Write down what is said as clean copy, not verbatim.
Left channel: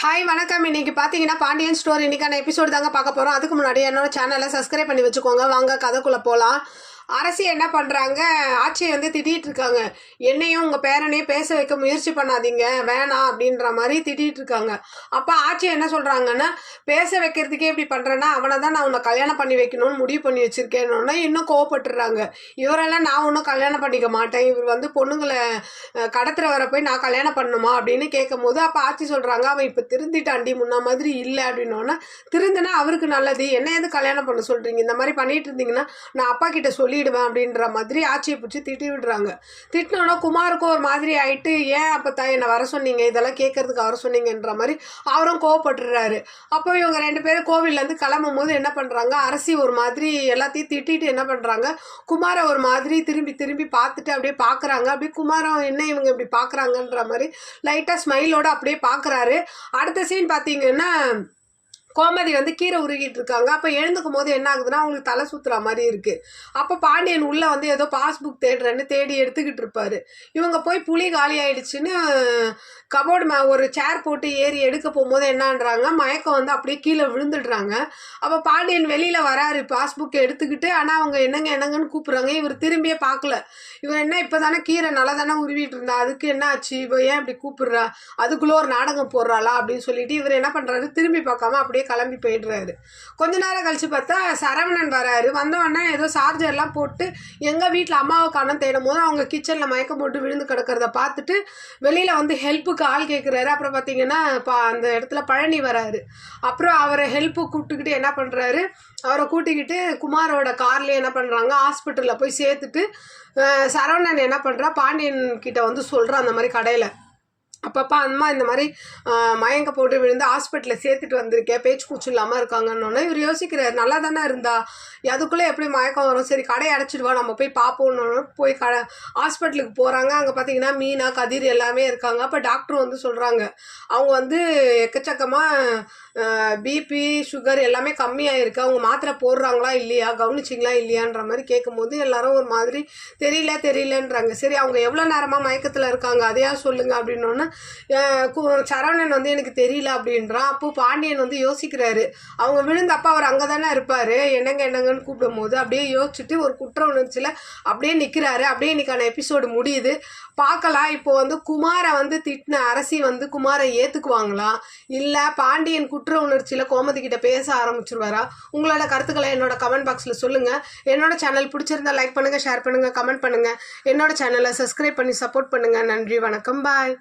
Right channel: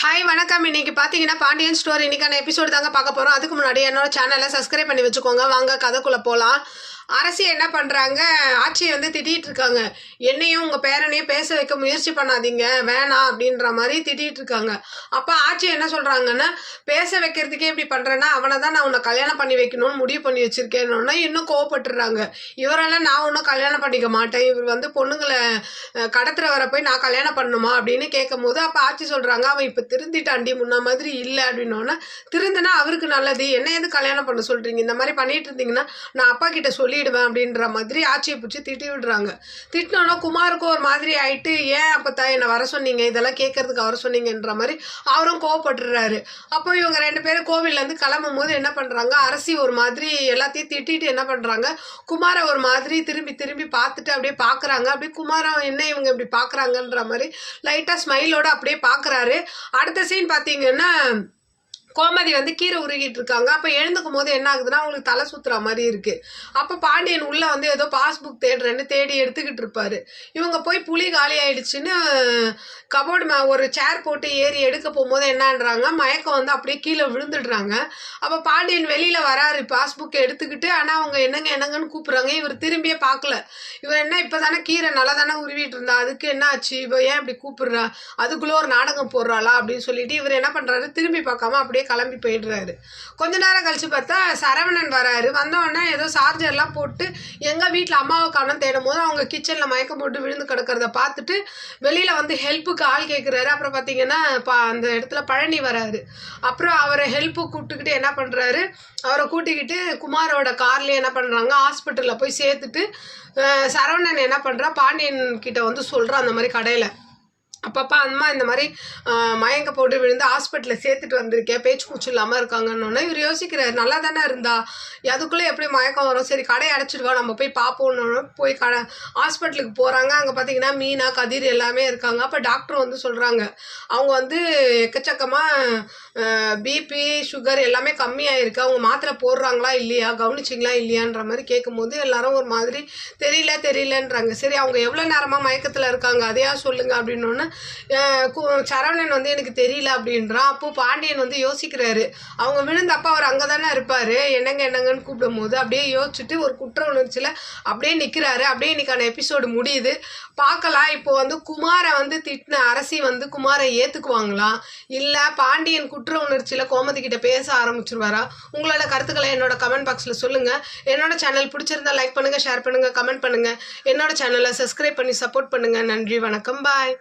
Hi வணக்கம். இன்னைக்கு பார்த்தீங்கன்னா பாண்டியன் ஸ்டோர் இன்னைக்கான எபிசோடு தாங்க பார்க்க போகிறோம். அதுக்கு முன்னாடி என்னோட சேனலை சப்ஸ்கிரைப் பண்ணி வச்சுக்கோங்க. வாங்க கதைக்குள்ளே போகலாம். அரசி என்ன பண்ணுறாங்க, ஆட்சியை வந்து திட்டிகிட்டு இருக்காங்க. என்னையும் உங்கள் பேரனையும் பேச வைக்க முயற்சி பண்ணாதீங்க, வேணாம் அப்படின்ற மாதிரி திட்டிகிட்டு இருக்காங்க. அப்போ ஆட்சி என்ன சொல்கிறாங்கன்னா, பேச வைக்கிறதுக்கே இப்படி பண்ணுறேன்னா அவனை தான் நான் உன்னை கல்யாணம் பண்ணி வைக்கணும்னு முடிவு பண்ணி வச்சுருக்கேன்னு இன்னும் கோவப்பட்டுறாங்க. இவரெல்லாம் நான் ஒன்றும் கல்யாணம் பண்ணிக்க மாட்டேன், இவர் வந்து பொண்ணுங்களை கடத்துறவரை போய் நான் கல்யாணம் பண்ணணுமா அப்படின்னு கேட்கும் போது அப்போ ஆட்சி சொல்கிறாங்க, அவன் இப்போ திருந்திட்டாண்டி, முன்ன மாதிரி இல்லை அப்படின்னோன்னா, திருந்தினா அவருக்கு நல்லது, என்ன எது கல்யாணம் பண்ண சொல்கிறீங்க, இந்த மாதிரி பண்ணிட்டு இருந்தீங்கன்னா நான் அப்பா கிட்ட சொல்லிடுவேன் அப்படின்ற மாதிரி ஆட்சியை பிடிச்சி திட்டி விடுறாங்க. திட்டினோன்னா குமாருக்கும் ஒரு மாதிரி ஆயிட்டு, ஏன் அப்போ தான் என்னை வர சொன்னீங்க, இதெல்லாம் கேட்கறதுக்கு வர சொன்னீங்கன்ற மாதிரி அவரும் கோவப்பட்டுறாரு. அப்போ இவங்க ரெண்டு பேரும் கோவில்லேருந்து கிளம்பும் போது என்ன பண்ணுறாங்க, அரசி ஒரு மாதிரி எல்லாத்தையும் திட்டிட்டு என்ன பண்ணுறாங்க, குமாரை ஒரு மாதிரி திரும்பி திரும்பி பார்த்துட்டு அப்படியே பார்க்குறாங்க. அப்படியே குமாரம் என்ன இவங்க இப்படி பார்க்குறாங்கன்ற மாதிரி லைட்டாக ஸ்மைலோடு அப்படியே பார்க்குறாரு. அடுத்த சீன் பார்த்தீங்கன்னா, கோமதி வந்து கீரை உருகிட்டு இருக்காங்க. அப்போ எழுந்துக்கும் போது என்ன ஆகுதுன்னா, அவங்களுக்கு தலை சுற்றுற மாதிரி இருக்குது. அப்போ பாண்டியன் உள்ளே வந்து ஏதோ பாஸ்புக் தேடுறேன்னு தேடி எடுத்துக்கிட்டு இருப்பார். இவங்க போய் புளி காலி ஆயிடுச்சுன்னு கபோர்டு ஒரு சேர் போட்டு ஏறி எடுக்க போகும்போது என்னன்றாங்க, மயக்கம் வந்து அப்படியே கீழே விழுந்துடுறாங்க. அப்போ பாண்டியன் வெளியில் வராரு பாஸ்புக் எடுத்துக்கிட்டு. ஆனால் அவங்க என்னங்க என்னங்கன்னு கூப்பிட்றாங்க. இவர் திரும்பியே பார்க்கல. இவர் என்ன இப்போ தானே கீரை நல்லா தானே உருவிட்டு இருந்தா, அதுக்கு என்ன ஆச்சு, இவ ஏன் இப்படி கூப்பிடுறா, அதுக்குள்ளே ஒரு நாடகம் போடுறாளா அப்படின்னு சொல்லிட்டு இவர் என்ன பண்ணுறாரு, திரும்பி பார்க்காம அப்படியே கிளம்பி போயிடுறாரு. கொஞ்ச நேரம் கழிச்சு பார்த்தா சரவணன் வராரு. வந்தவொடனே ஏதோ சார்ஜர்லாம் போட்டு எங்கள் வீட்டில் அம்மாவை காணோம் தேடும் போது அவங்க கிச்சனில் மயக்கம் போட்டு விழுந்து கிடக்கிறத பார்த்துட்டு வெளியில் வந்து ஹெல்ப்புக்கு ஆள் கேட்குறாரு. அப்புறம் பார்த்தீங்கன்னா அந்த இடத்துல பழனி வராரு. அப்புறம் அவரை ஹெல்ப்பு கூப்பிட்டுக்கிட்டு என்ன பண்ணுறாரு, அவரை கூட்டிக்கிட்டு குமாரோட கார்லேயே என்ன பண்ணுறாங்க, ஹாஸ்பிட்டலில் போய் சேர்த்துட்டு சரவணன் என்ன பண்ணுறா, பாண்டியன் கிட்ட வந்து சொல்கிறான் அந்த மாதிரி கடையில். அப்பப்பா அம்மா இந்த மாதிரி மயங்க போட்டு விழுந்து ஹாஸ்பிட்டலில் சேர்த்துட்டு வந்திருக்கேன், பேச்சு கூச்சு இல்லாமல் இருக்காங்கன்னு இவர் யோசிக்கிறார். நல்லா தானே இருந்தா, அதுக்குள்ளே எப்படி மயக்கம் வரும், சரி கடையை அடைச்சிடுவா, நம்ம போய் பார்ப்போன்னு போய் ஹாஸ்பிட்டலுக்கு போகிறாங்க. அங்கே பார்த்தீங்கன்னா மீனா கதிர் எல்லாமே இருக்காங்க. அப்போ டாக்டர் வந்து சொல்கிறாங்க, அவங்க வந்து எக்கச்சக்கமாக பிபி சுகர் எல்லாமே கம்மியாக இருக்குது, அவங்க மாத்திரை போடுறாங்களா இல்லையா, கவனிச்சிங்களா இல்லையான்ற மாதிரி கேட்கும்போது எல்லாரும் ஒரு மாதிரி தெரியலன்றாங்க. சரி அவங்க எவ்வளோ நேரமாக மயக்கத்தில் இருக்காங்க அதையா சொல்லுங்க அப்படின்னோன்னு சரவணன் வந்து எனக்கு தெரியல அப்படின்றான். அப்போ பாண்டியன் வந்து யோசிக்கிறாரு. அவங்க விழுந்தப்ப அவர் அங்கே தானே இருப்பார், என்னங்கன்னு கூப்பிடும் போது அப்படியே யோசிச்சுட்டு ஒரு குற்ற உணர்ச்சியில் அப்படியே நிற்கிறாரு. அப்படியே இன்னைக்கான எபிசோடு முடியுது. பார்க்கலாம் இப்போ வந்து குமாரை வந்து திட்டின அரசி வந்து குமாரை ஏற்றுக்குவாங்களா, இல்லை பாண்டியன் குற்ற உணர்ச்சியில் கோமதி கிட்ட பேச ஆரம்பிச்சிருவாரா? உங்களோட கருத்துக்களை என்னோட கமெண்ட் பாக்ஸில் சொல்லுங்கள். என்னோட சேனல் பிடிச்சிருந்தா லைக் பண்ணுங்கள், ஷேர் பண்ணுங்கள், கமெண்ட் பண்ணுங்கள். என்னோட சேனலை சப்ஸ்கிரைப் பண்ணி சப்போர்ட் பண்ணுங்கள். நன்றி, வணக்கம், பாய்.